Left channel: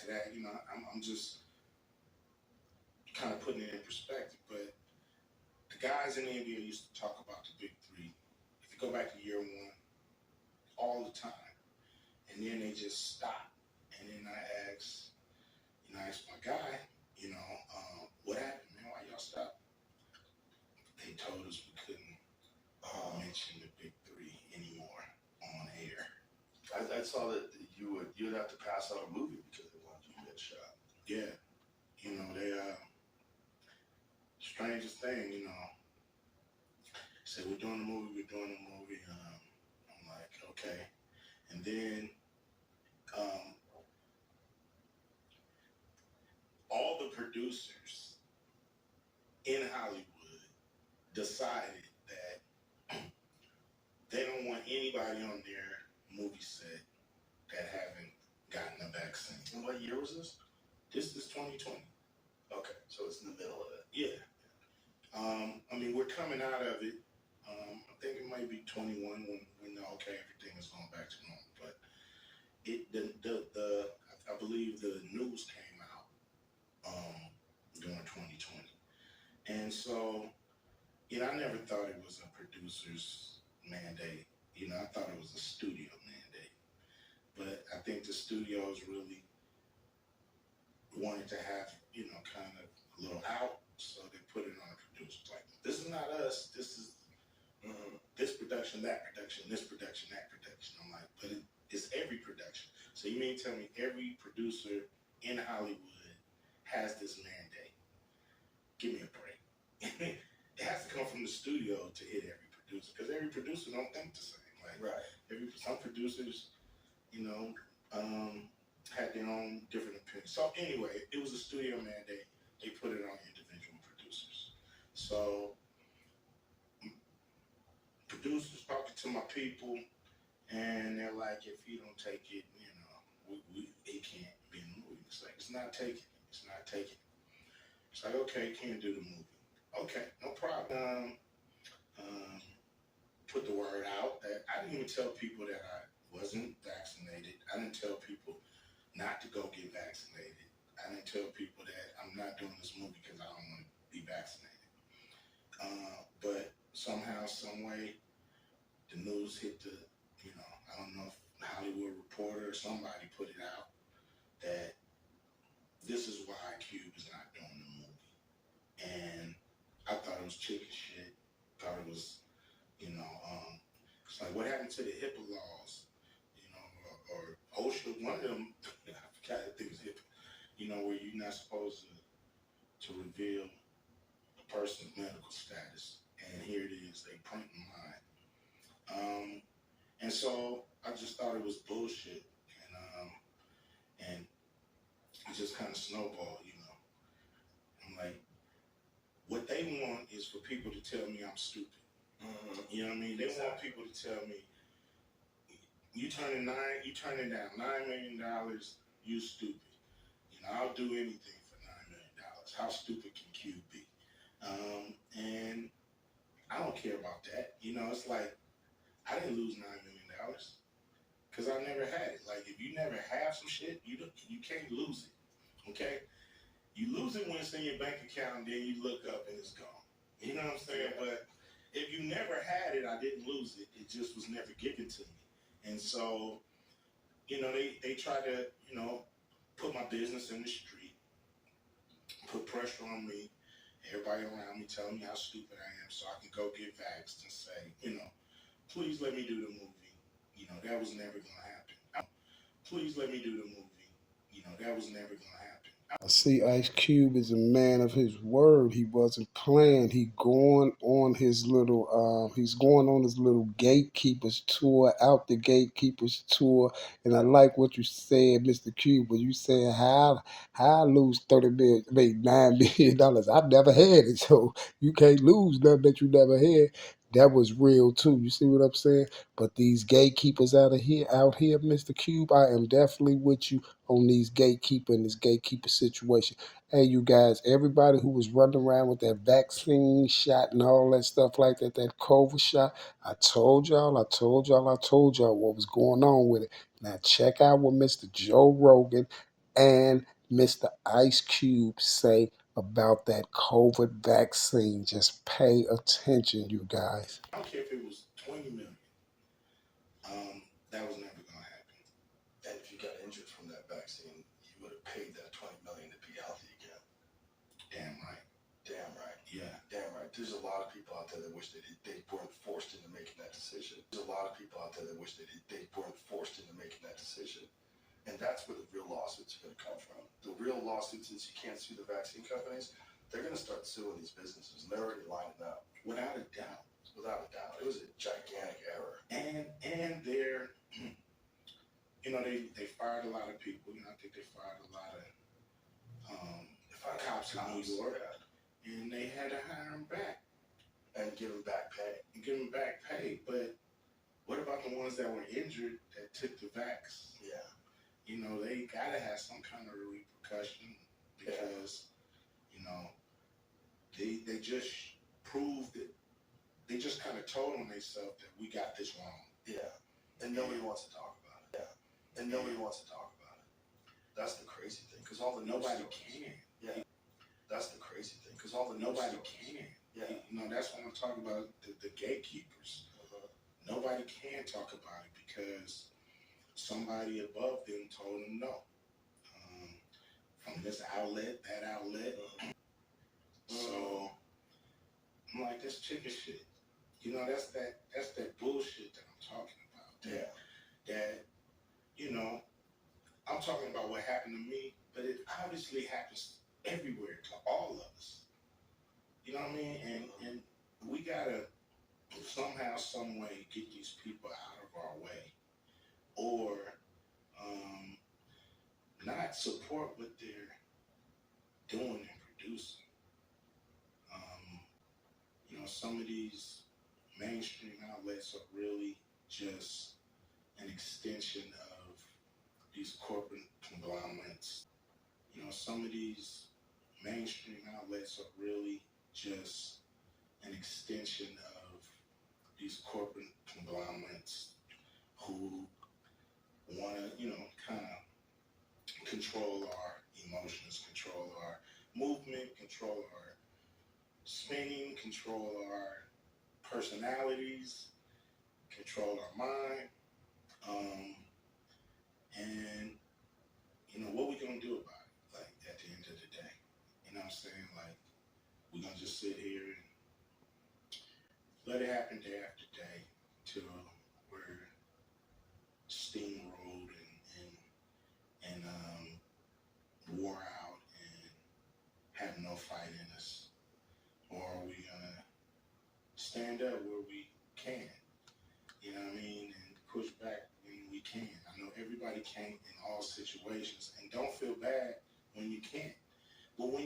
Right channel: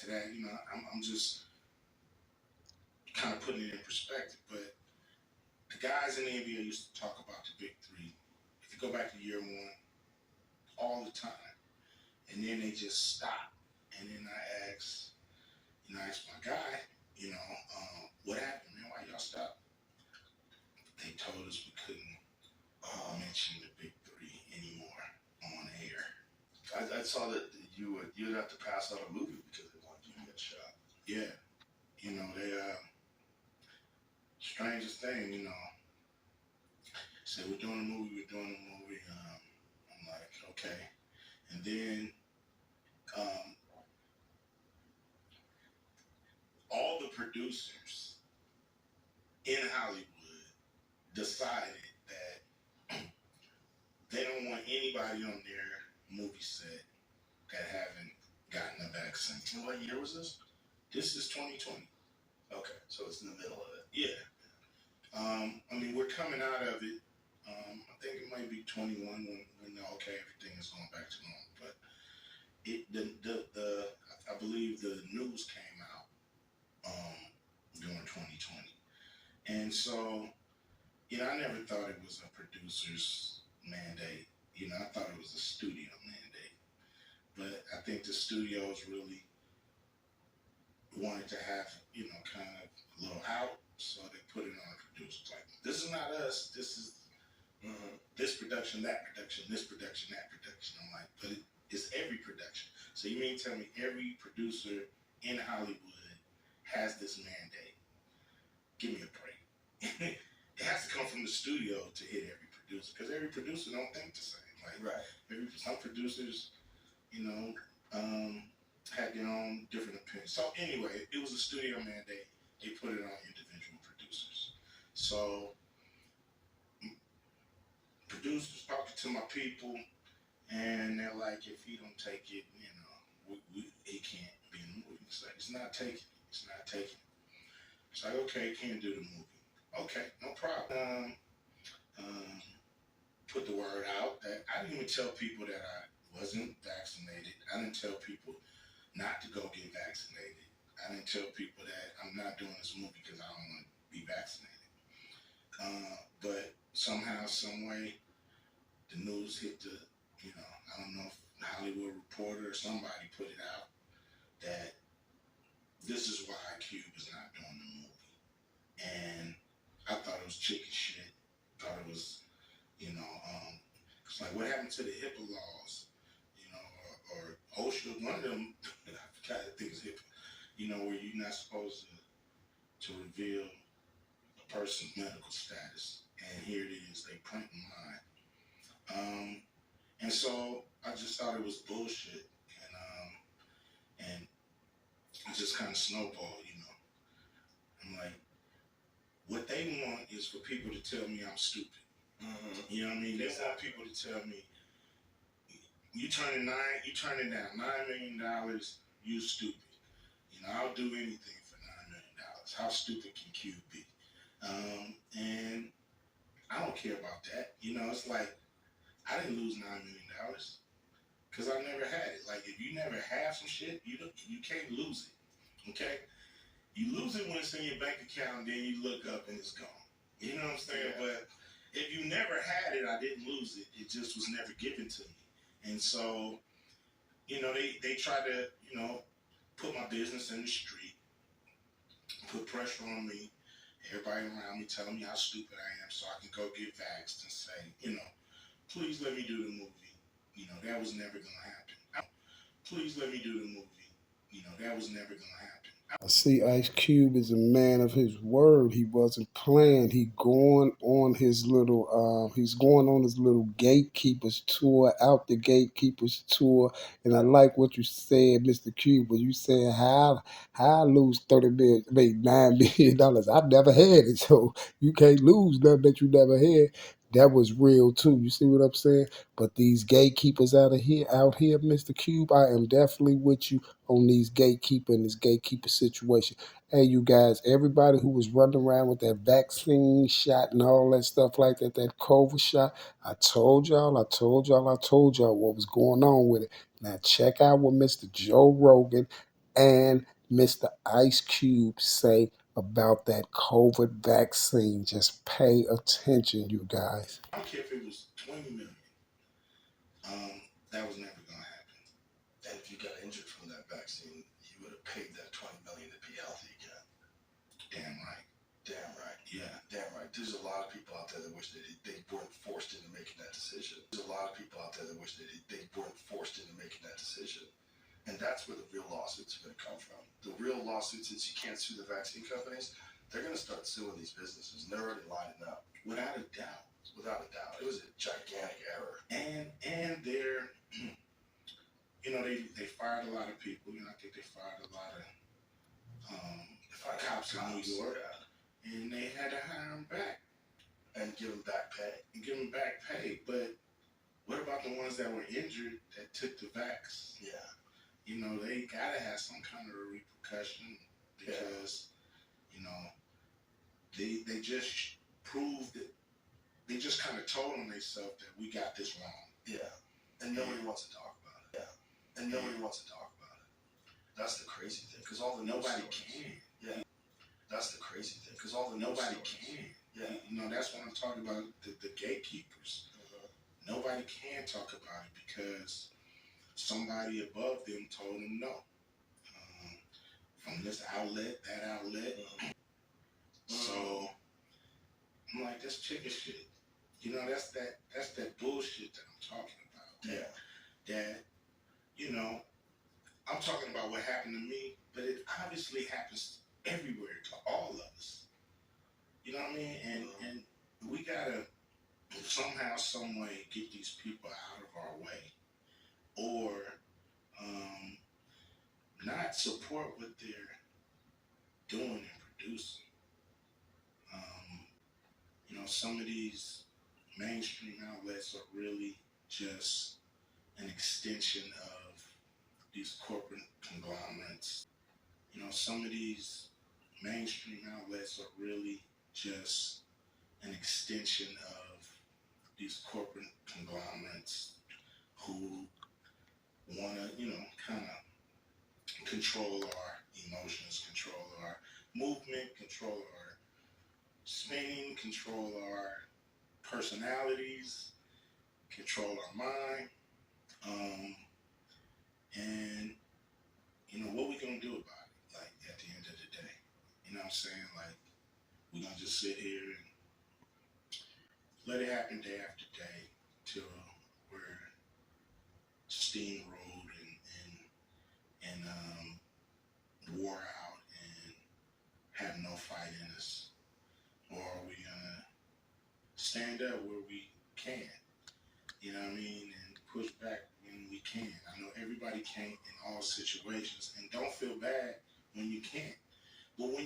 to that, I'm just kind of putting it in perspective. But the guys in the NBA used to talk about the big three. If you go back to year one, all the time, and then they just stop. And then I asked my guy, what happened, man? Why y'all stop? They told us we couldn't mention the big three anymore on air. I saw that you'd have to pass out a movie because they wanted you to get shot. Yeah, they strangest thing, say we're doing a movie. I'm like, okay, and then all the producers in Hollywood decided that they don't want anybody on their movie set that haven't gotten a vaccine. And what year was this? This is 2020. Okay, so it's in the middle of it. Yeah. We're coming out of it. I think it might be 21 when everything is going back to normal. But I believe the news came out during 2020, and so I never thought it was a producer's mandate. I thought it was a studio mandate. But I think the studios really wanted to have, kind of a little out, so they put it on the producers. Like, this is not us. This is this production, that production, this production, that production. I'm like, but it's every production. So you mean tell me every producer in Hollywood has this mandate? Give me a break. It has to come from the studio to hit every producer, because every producer don't think the same. Like, right. Some producers, had their own different opinions. So anyway, it was a studio mandate. They put it on individual producers. So producers talking to my people, and they're like, if he don't take it, he can't be in the movie. It's like, it's not taking it. It's not taking it. It's like, okay, can't do the movie. Okay, no problem. Put the word out that I didn't even tell people that I wasn't vaccinated. I didn't tell people not to go get vaccinated. I didn't tell people that I'm not doing this movie because I don't want to be vaccinated. But somehow, some way, the news hit I don't know if the Hollywood Reporter or somebody put it out that this is why Cube is not doing the movie. And I thought it was chicken shit. Thought it was, it's like, what happened to the HIPAA laws? Or OSHA, one of them, I forgot, I think it's HIPAA, where you're not supposed to reveal a person's medical status. And here it is, they printing mine. And so I just thought it was bullshit. And it just kind of snowballed, I'm like, what they want is for people to tell me I'm stupid. You know what I mean? They want people to tell me, you turning down $9 million, you stupid. I'll do anything for $9 million. How stupid can Cube be? And I don't care about that. It's like, I didn't lose $9 million because I never had it. Like, if you never have some shit, you can't lose it. Okay? You lose it when it's in your bank account, and then you look up and it's gone. You know what I'm saying? Yeah. But if you never had it, I didn't lose it. It just was never given to me. And so, they try to, put my business in the street, put pressure on me, everybody around me telling me how stupid I am so I can go get vaxxed and say, please let me do the movie. That was never going to happen. Please let me do the movie. That was never going to happen. I see Ice Cube is a man of his word. He wasn't playing. He's going on his little gatekeepers tour, out the gatekeepers tour. And I like what you said, Mr. Cube, when you said how I lose $9 million. I've never had it, so you can't lose nothing that you never had. That was real too. You see what I'm saying? But these gatekeepers out here, Mr. Cube, I am definitely with you on these this gatekeeper situation. Hey, you guys, everybody who was running around with that vaccine shot and all that stuff like that COVID shot, I told y'all what was going on with it. Now check out what Mr. Joe Rogan and Mr. Ice Cube say about that COVID vaccine. Just pay attention, you guys. I don't care if it was 20 million. That was never gonna happen. And if you got injured from that vaccine, you would have paid that 20 million to be healthy again. Damn right. Damn right. Yeah. Damn right. There's a lot of people out there that wish that they weren't forced into making that decision. There's a lot of people out there that wish that they weren't forced into making that decision. And that's where the real lawsuits are going to come from. The real lawsuits is you can't sue the vaccine companies. They're going to start suing these businesses, and they're already lining up. Without a doubt. Without a doubt. It was a gigantic error. And they're, they fired a lot of people. I think they fired a lot of cops in New York. Yeah. And they had to hire them back. And give them back pay. But what about the ones that were injured that took the vax? Yeah. They got to have some kind of a repercussion because, they just proved it. They just kind of told on themselves that we got this wrong. Yeah. And nobody wants to talk about it. Yeah. And nobody wants to talk about it. That's the crazy thing. Because all the nobody can. Yeah. That's the crazy thing. Because all the nobody can. Yeah. That's what I'm talking about. The gatekeepers. Nobody can talk about it because somebody above them told them no. From this outlet, that outlet. So I'm like, that's chicken shit. That's that bullshit that I'm talking about. That I'm talking about what happened to me, but it obviously happens everywhere to all of us. You know what I mean? And we gotta somehow, some way get these people out of our way, or not support what they're doing and producing. Some of these mainstream outlets are really just an extension of these corporate conglomerates. Some of these mainstream outlets are really just an extension of these corporate conglomerates who want to, kind of control our emotions, control our movement, control our spinning, control our personalities, control our mind. And what we gonna do about it? Like, at the end of the day, what I'm saying? Like, we gonna just sit here and let it happen day after day till we're steamrolled and wore out and have no fight in us? Or are we gonna stand up where we can? You know what I mean? And push back when we can. I know everybody can't in all situations, and don't feel bad when you can't. But when